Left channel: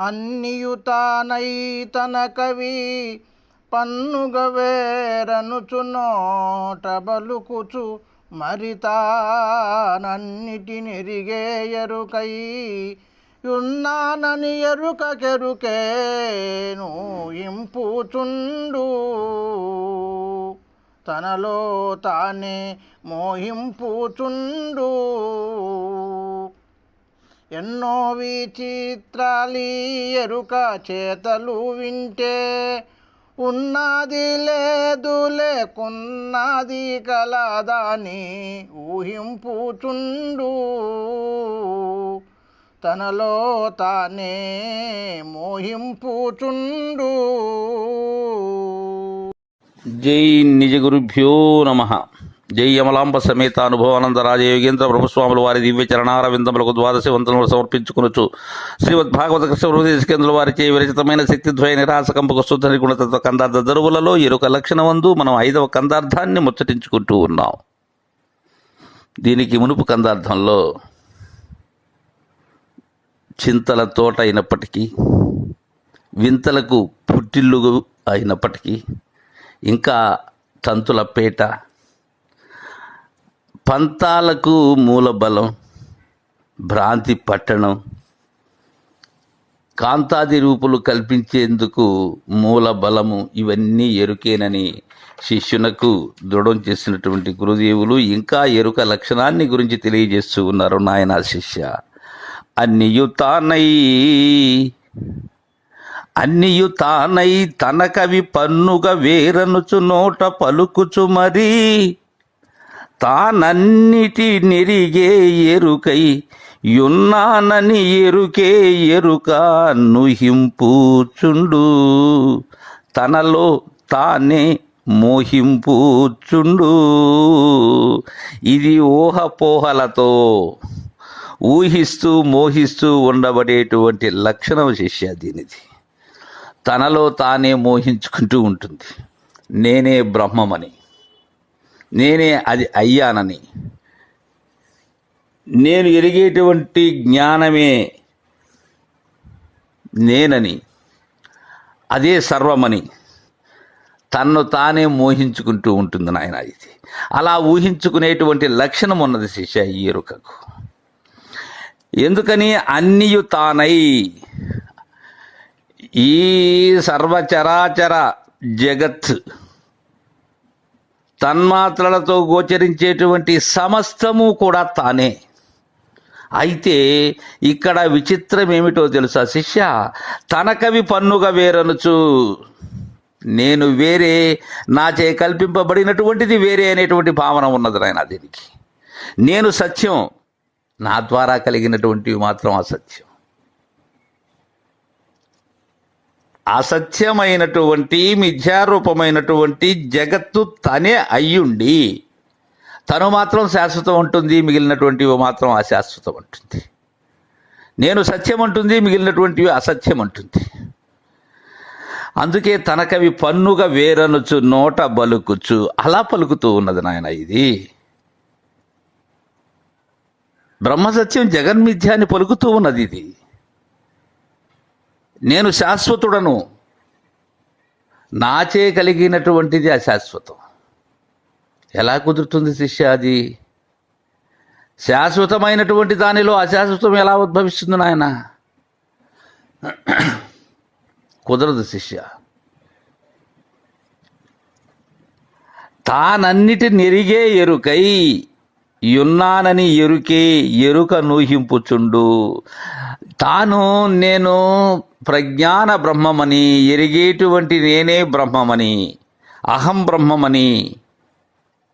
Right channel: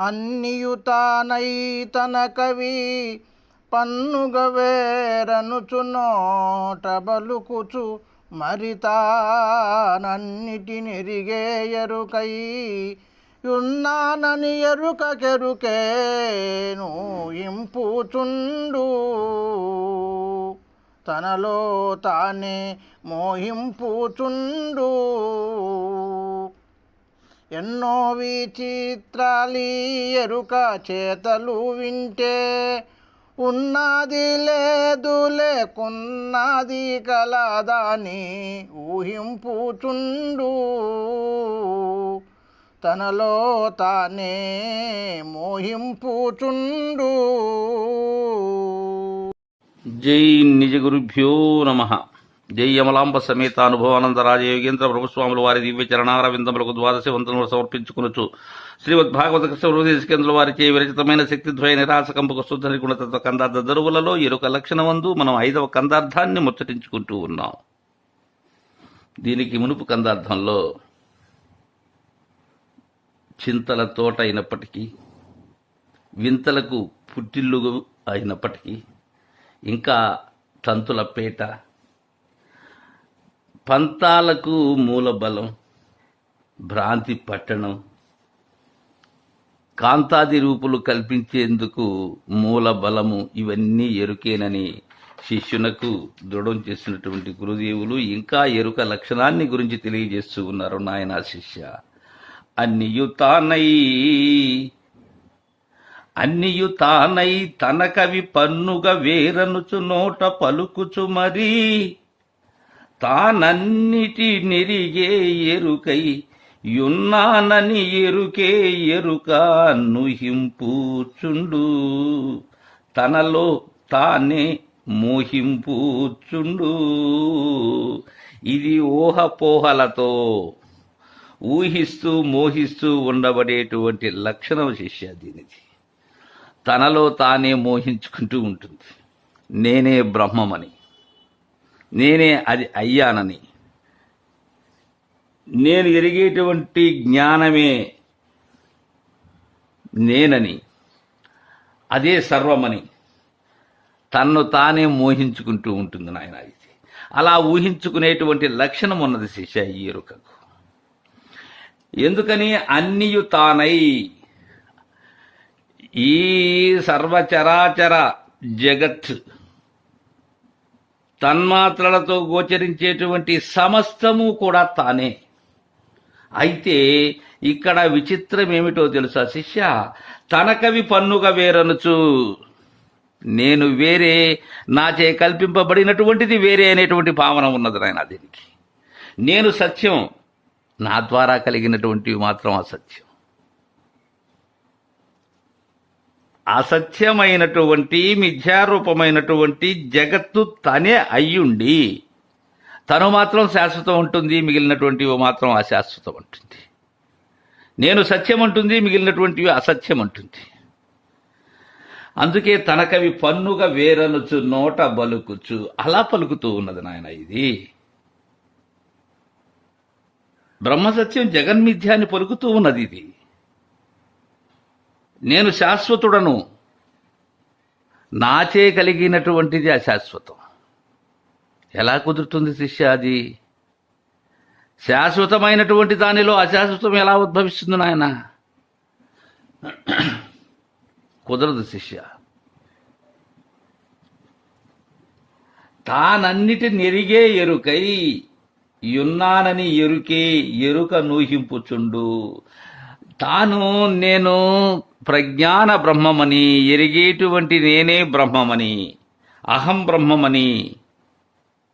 అన్నియుతానై తన కవి పన్నుగ వేరనుచు నోట బలుకుచు మరి తానన్నిటినెరిగే ఎరుకై ఉన్నానని ఎరుక కెరుకేను ఇంపుచుండు. తనలో తానే మోహింపుచుండు. ఎన్నో విచిత్రాలి ఎరుక చేతలు వింటే ఉన్నది లేదు లేకున్నది కలదాని ఊహింపుచుండు. తనలో తానే మోహింపుచుండు. జై నిజ గురుభ్యో నమ. జై యమలాంబ సమేత అనుభవానంద రాజ యోగేంద్ర ప్రభుస్వాముల వారి దివ్య చరణార విందములకు ద్వాదశి వందనములు సమర్పించుకునొచ్చు శ్రీమద్ భాగవత కృష్ణ హృదయస్కేంద్రుల వారిచే విరచితమైన శక్తిద్వయ నిరాశకంపక శుద్ధ నిగుణతత్వ కందార్థ దరువులలో ఎరుక లక్షణమందు మనం ఐదవ కందార్థాన్ని ముచ్చటించుకుంటూ ఉన్నాం. దీనికి మునుపు కందార్థంలో చింతల తోట అయినప్పటికీ వింతలకు పుట్టిల్లు అయినప్పటికీ ఇంకా తంతుల పేట పంతాలకు మూలబలం భ్రాంతి పట్టణం కాంతాది రూపులు కల్పించేందుకు మూల బలము ఇవన్నీ ఎరుకేనని శిష్యునకు దృఢం చేసినటువంటి గురుదేవులు ఇంకా ఎరుక లక్షణాన్ని గురించి తెలియజేస్తూ ఉన్నారు నాయన శిష్య. అన్నియు తానై అన్నియు తానై తన కవి పన్నుగ వేరనుచు నోట పలుకుచు మరీ తానన్నిటి నెరిగే ఎరుకై యున్నానని ఎరుకే ఎరుక నుహింపుచుండు. తనలో తానే మోహింపుచుండు. ఇది ఊహపోహలతో ఊహిస్తూ మోహిస్తూ ఉండబడేటువంటి లక్షణం శిష్య దీనిది. తనలో తానే మోహించుకుంటూ ఉంటుంది. నేనే బ్రహ్మమని. నేనే అది అయ్యానని. నేను ఎరిగేటువంటి జ్ఞానమే నేనని. అదే సర్వమని. తన్ను తానే మోహించుకుంటూ ఉంటుంది నాయన ఇది. అలా ఊహించుకునేటువంటి లక్షణం ఉన్నది శిష్య ఈ ఎరుకకు. ఎందుకని? అన్నియు తానై. ఈ సర్వచరాచర జగత్ తన్మాత్రలతో గోచరించేటువంటి సమస్తము కూడా తానే. అయితే ఇక్కడ విచిత్రం ఏమిటో తెలుసా శిష్య? తనకవి పన్నుగా వేరనుచు నేను వేరే నాచే కల్పింపబడినటువంటిది వేరే అనేటువంటి భావన ఉన్నది నాయన దీనికి. నేను సత్యం నా ద్వారా కలిగినటువంటివి మాత్రం అసత్యం. అసత్యమైనటువంటి మిథ్యారూపమైనటువంటి జగత్తు తనే అయ్యుండి తను మాత్రం శాశ్వతం ఉంటుంది మిగిలినటువంటివి మాత్రం అశాశ్వతం ఉంటుంది. నేను సత్యం అంటుంది మిగిలినటువంటివి అసత్యం అంటుంది. అందుకే తనకవి పన్నుగా వేరనుచు నోట బలుకుచు అలా పలుకుతూ ఉన్నది నాయన ఇది. బ్రహ్మసత్యం జగన్మిథ్యాన్ని పలుకుతూ ఉన్నది ఇది. నేను శాశ్వతుడను. నాచే కలిగినటువంటిది అశాశ్వతం ఎలా కుదురుతుంది శిష్య అది? శాశ్వతమైనటువంటి దానిలో అశాశ్వతం ఎలా ఉద్భవిస్తుంది నాయన? కుదరదు శిష్య. తానన్నిటి నెరిగే ఎరుకై యున్నానని ఎరుకే ఎరుక నూహింపుచుండు. తాను నేను ప్రజ్ఞాన బ్రహ్మమని ఎరిగేటువంటి నేనే బ్రహ్మమని అహం బ్రహ్మమని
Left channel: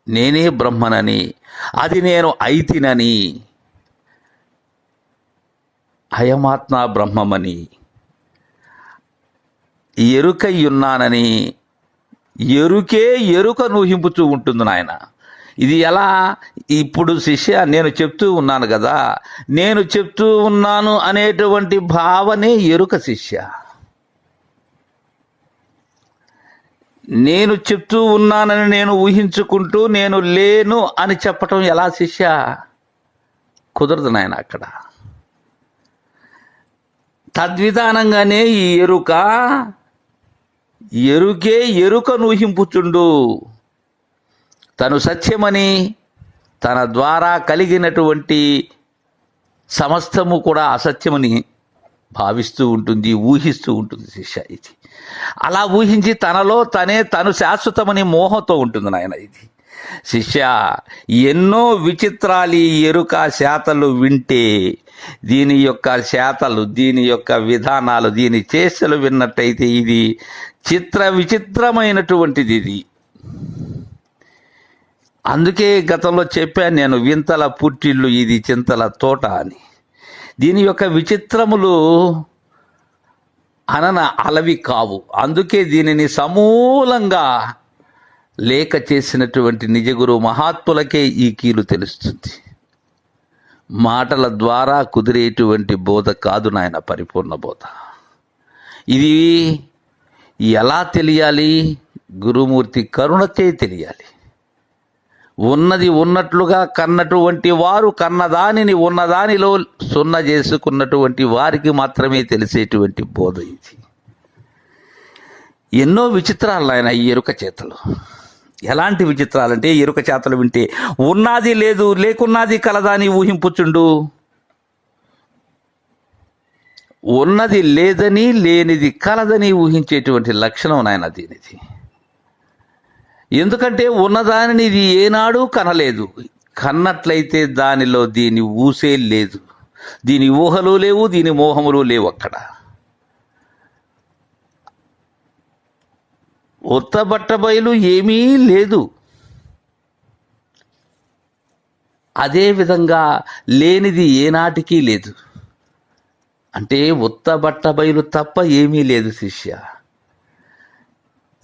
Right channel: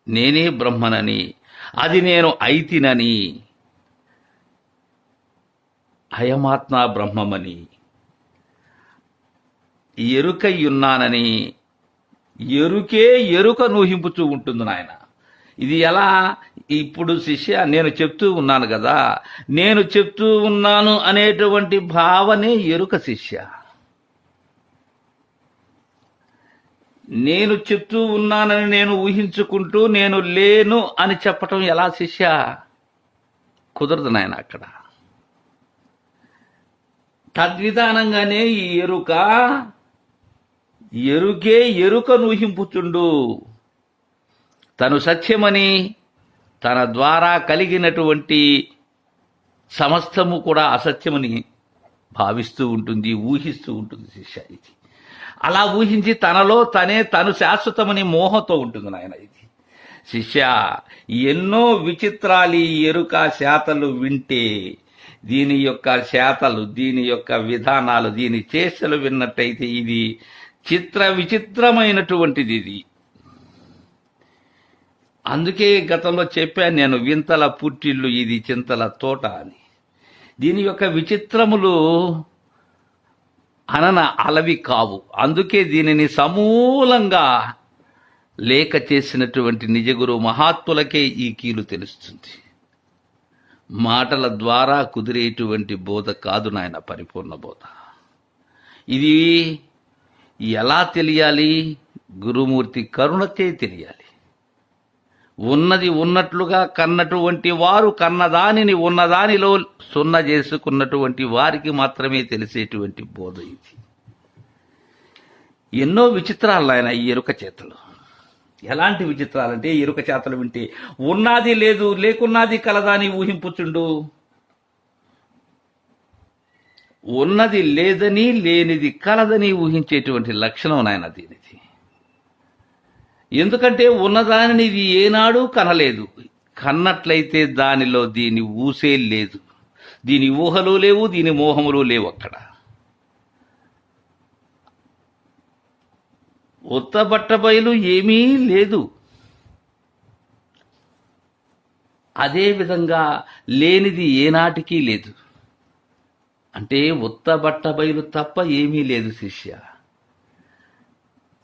నేనే బ్రహ్మనని అది నేను ఐతినని అయమాత్మ బ్రహ్మమని ఎరుకయ్యున్నానని ఎరుకే ఎరుక నూహింపుతూ ఉంటుంది నాయన ఇది ఎలా? ఇప్పుడు శిష్య నేను చెప్తూ ఉన్నాను కదా నేను చెప్తూ ఉన్నాను అనేటువంటి భావనే ఎరుక శిష్య. నేను చెప్తూ ఉన్నానని నేను ఊహించుకుంటూ నేను లేను అని చెప్పటం ఎలా శిష్య? కుదరదు నాయన అక్కడ. తద్విధానంగానే ఈ ఎరుక ఎరుకే ఎరుకను ఊహింపుచుండు. తను సత్యమని తన ద్వారా కలిగినటువంటి సమస్తము కూడా అసత్యమని భావిస్తూ ఉంటుంది ఊహిస్తూ ఉంటుంది శిష్య ఇది. అలా ఊహించి తనలో తనే తను శాశ్వతమని మోహంతో ఉంటుంది నాయన ఇది. శిష్య ఎన్నో విచిత్రాలు ఎరుక శాతలు వింటే దీని యొక్క శాతలు దీని యొక్క విధానాలు దీని చేష్టలు విన్నట్టయితే ఇది చిత్ర విచిత్రమైనటువంటిది ఇది. అందుకే గతంలో చెప్పాను నేను వింతల పుట్టిల్లు ఇది చింతల తోట అని. దీని యొక్క విచిత్రములు అనన అలవి కావు. అందుకే దీనిని సమూలంగా లేఖ చేసినటువంటి నిజగురు మహాత్ములకే ఈ కీలు తెలుస్తుంది. మాటల ద్వారా కుదిరేటువంటి బోధ కాదు నాయన పరిపూర్ణ బోధ. ఇది ఎలా తెలియాలి? గురుమూర్తి కరుణతే తెలియాలి. ఉన్నది ఉన్నట్లుగా కన్నటువంటి వారు కన్నదానిని ఉన్నదానిలో సున్న చేసుకున్నటువంటి వారికి మాత్రమే తెలిసేటువంటి బోధ ఇది. ఎన్నో విచిత్రాలు ఆయన ఈ ఎరుక చేతలు. ఎలాంటి విచిత్రాలంటే ఎరుక చేతలు వింటే ఉన్నది లేదు లేకున్నది కలదాని ఊహింపుచుండు. ఉన్నది లేదని లేనిది కలదని ఊహించేటువంటి లక్షణం నాయన దీనిది. ఎందుకంటే ఉన్నదానిని ఇది ఏనాడు కనలేదు. కన్నట్లయితే దానిలో దీని ఊసే లేదు. దీని ఊహలు లేవు దీని మోహములు లేవు అక్కడ. ఉత్తబట్ట బయలు ఏమీ లేదు. అదే విధంగా లేనిది ఏనాటికి లేదు. అంటే ఉత్తబట్ట బయలు తప్ప ఏమీ లేదు శిష్య.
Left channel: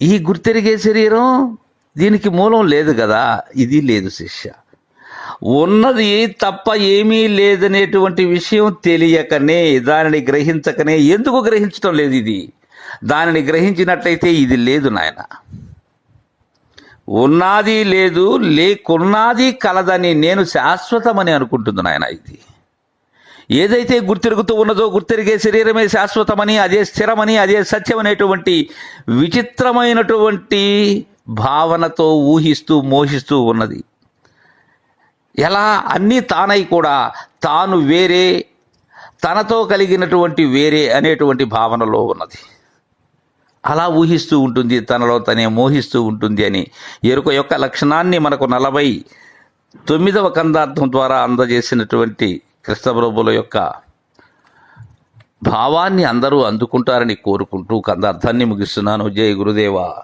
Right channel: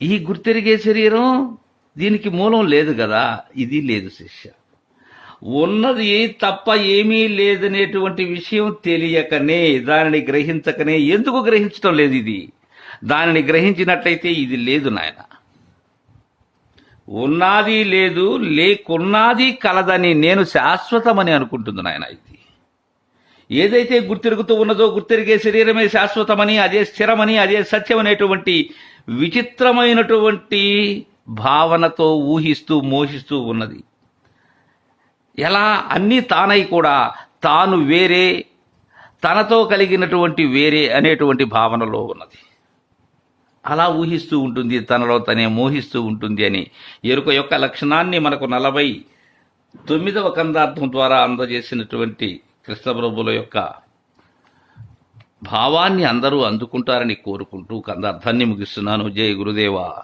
ఈ గుర్తెరిగే శరీరం దీనికి మూలం లేదు కదా? ఇది లేదు శిష్య. ఉన్నది తప్ప ఏమీ లేదనేటువంటి విషయం తెలియకనే దానిని గ్రహించకనే ఎందుకు గ్రహించటం లేదు ఇది? దానిని గ్రహించినట్లయితే ఇది లేదు నాయన. ఉన్నది లేదు లేకున్నది కలదని నేను శాశ్వతమని అనుకుంటుంది నాయన ఇది. ఏదైతే గుర్తిరుగుతూ ఉన్నదో గుర్తిరిగే శరీరమే శాశ్వతమని అదే స్థిరమని అదే సత్యమనేటువంటి విచిత్రమైనటువంటి భావనతో ఊహిస్తూ మోహిస్తూ ఉన్నది. ఎలా? అన్నీ తానై కూడా తాను వేరే తనతో కలిగినటువంటి వేరే అనేటువంటి భావనలో ఉన్నది. అలా ఊహిస్తూ ఉంటుంది తనలో తనే మోహిస్తూ ఉంటుంది అని. ఎరుక యొక్క లక్షణాన్ని మనకు నలభై తొమ్మిదవ కందార్థం ద్వారా అందజేసినటువంటి కృష్ణప్రభుల యొక్క భావాన్ని అందరూ అందుకుంటారని కోరుకుంటూ కందార్థాన్ని ముగిస్తున్నాను. జయ గురుదేవా.